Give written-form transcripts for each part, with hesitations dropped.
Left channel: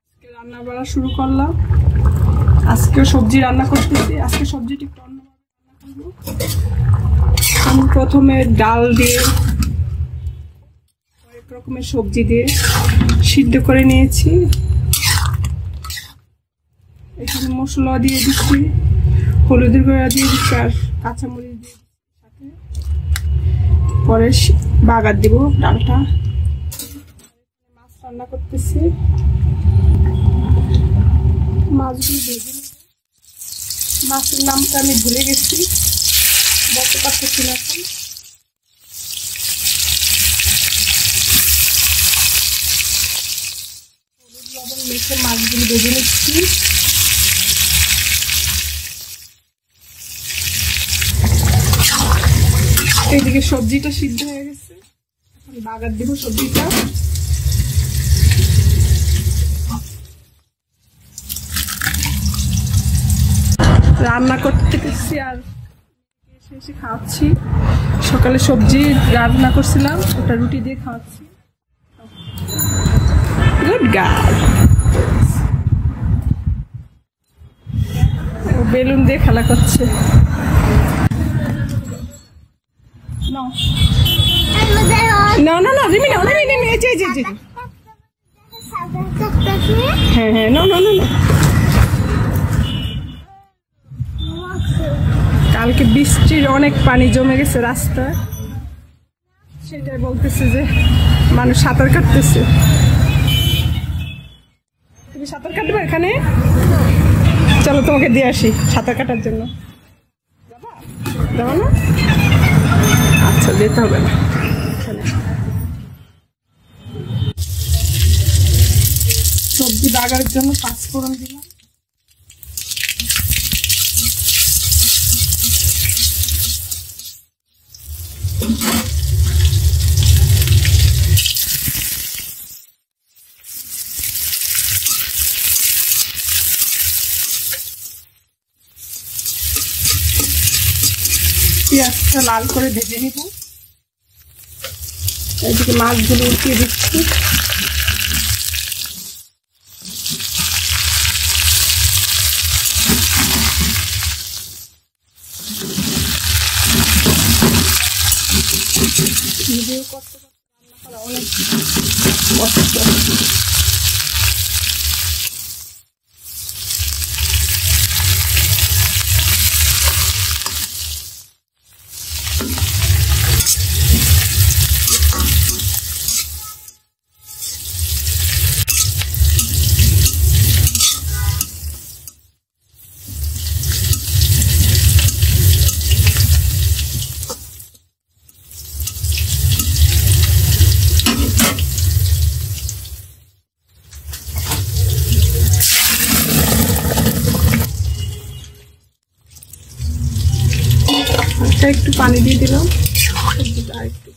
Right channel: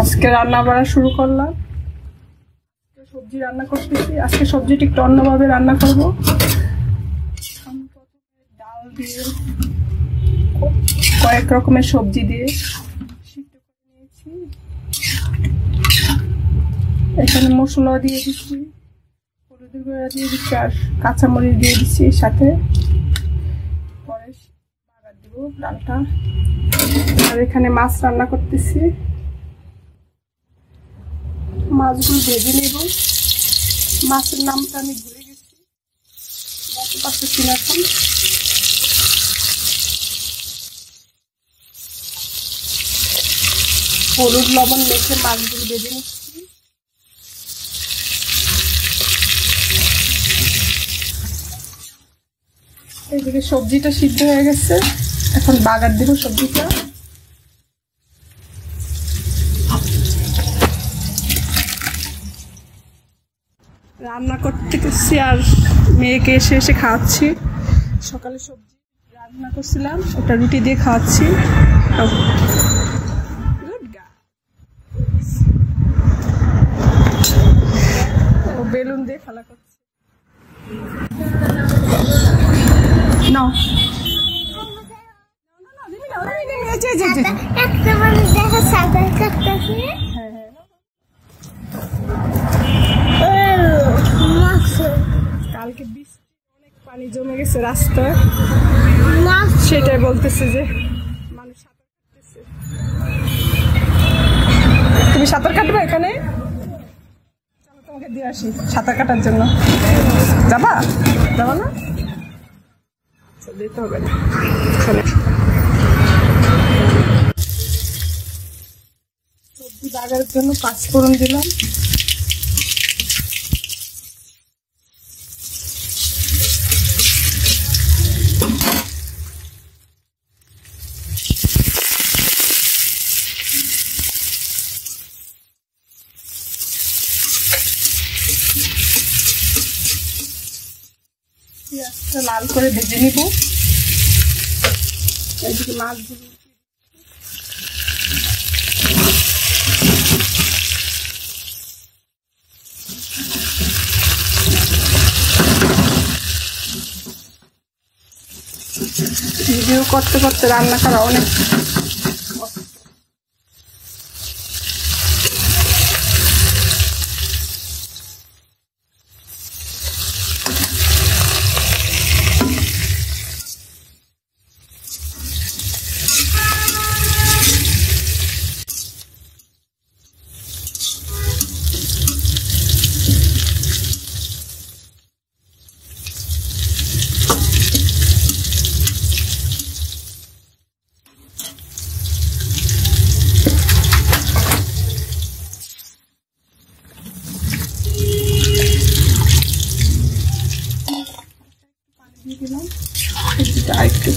আজকে রান্না বাড়া শুরু করলাম। আজকে সবজি রান্না করতেছি। আজকে সবজিটা একটু অন্যভাবে রান্না করব। আমি প্রথমে ডাল দিয়ে কয়েক রকমের সবজি দিয়ে সিদ্ধ করে নিয়েছি। এখানে মশলা দিয়ে দিচ্ছি, হলুদের গুঁড়া দিয়ে দিচ্ছি আর কাঁচামরিচ দিয়ে দিচ্ছি সাথে। পরে বাগার দিব ডালটা। আর এখানে মাছ রান্না করতেছি, মাছগুলো ভেজে নেব। মাছের নামটা আমি ভুলে গেছি, বলতে পারতেছি না এখন। হলুদ লবণ মেখে মাছগুলো ভেজে নিচ্ছি। এইদিকে সবজিটা সিদ্ধ হয়ে গেছে, এখন বাগার দিব সবজিটা। রান্না করতে গেছি আর মেয়েকে এসে এসে খাওয়াচ্ছি। সকালে সবজি রান্না করছিলাম, ওটা রুটি দিয়ে খাওয়াচ্ছি। Good girl. ও বেলুন দিয়ে খেলা করছে। না না না না রিমি না রিমি রিমি এই যে একটা মানে দেখা সাদা কাটতাছে। হ্যাঁ হ্যাঁ না না না না। কালকে বৃষ্টির অনেক পানি জমে গেছে রাস্তায়, সেটাই বলতেছে যে মানুষ সাঁতার কাটতেছে। তুমি সাঁতার কাটবে এখানে? চলো তোমাকে দিয়ে আসি সাঁতার কাটার জন্য। যাবা যাবা না? আচ্ছা যেতে হবে না। সবজি বাগারের জন্য পাঁচফোড়ন দিলাম। পেঁয়াজটা লাল করে ভেজে নিব। এদিকে মাছগুলো উঠিয়ে দিচ্ছি। ভিডিও করতে করতে রান্না করা অনেক কষ্ট। একটু পানি দিয়ে দিলাম, আর একটু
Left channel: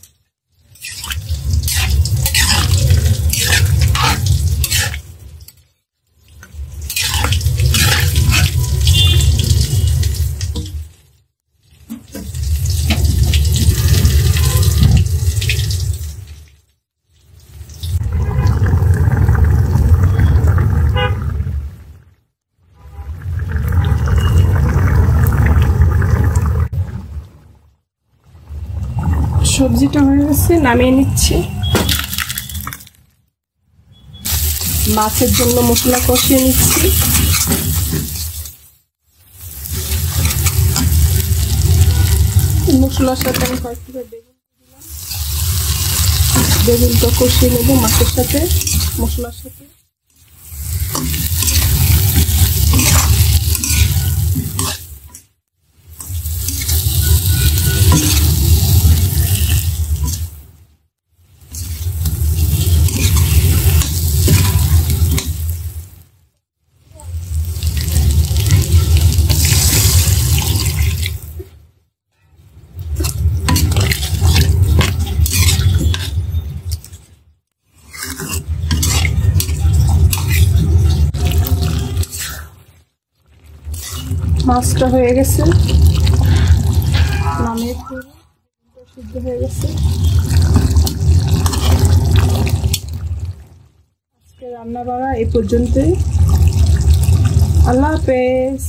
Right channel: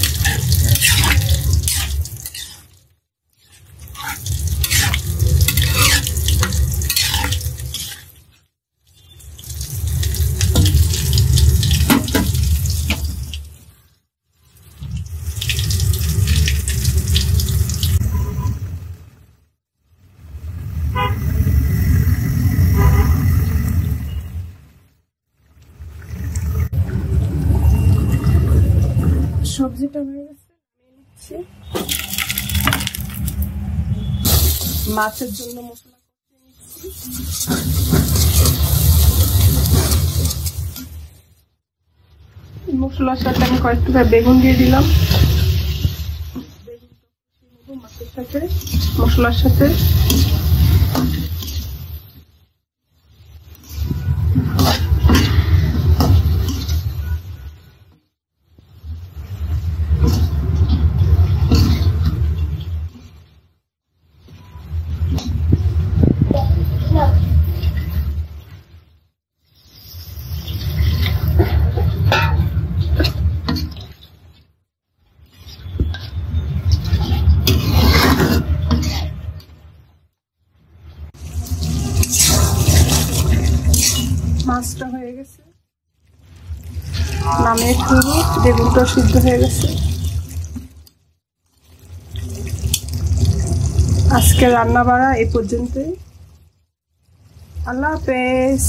সবজিটা হয়ে গেছে, নামিয়ে নিচ্ছি। মাছের জন্য মশলা কষিয়ে নিচ্ছি। মশলার সাথে আমি কয়েকটু বেগুন দিয়ে দিলাম। বেগুনটা কষিয়ে নেব মাছের সাথে, মশলার সাথে। মাছটা হয়ে গেছে, নামিয়ে ফেলবো। বেগুনটা সিদ্ধ হয়ে গেছে। আজকে রান্না বাড়া এই পর্যন্তই। আল্লাহ হাফেজ।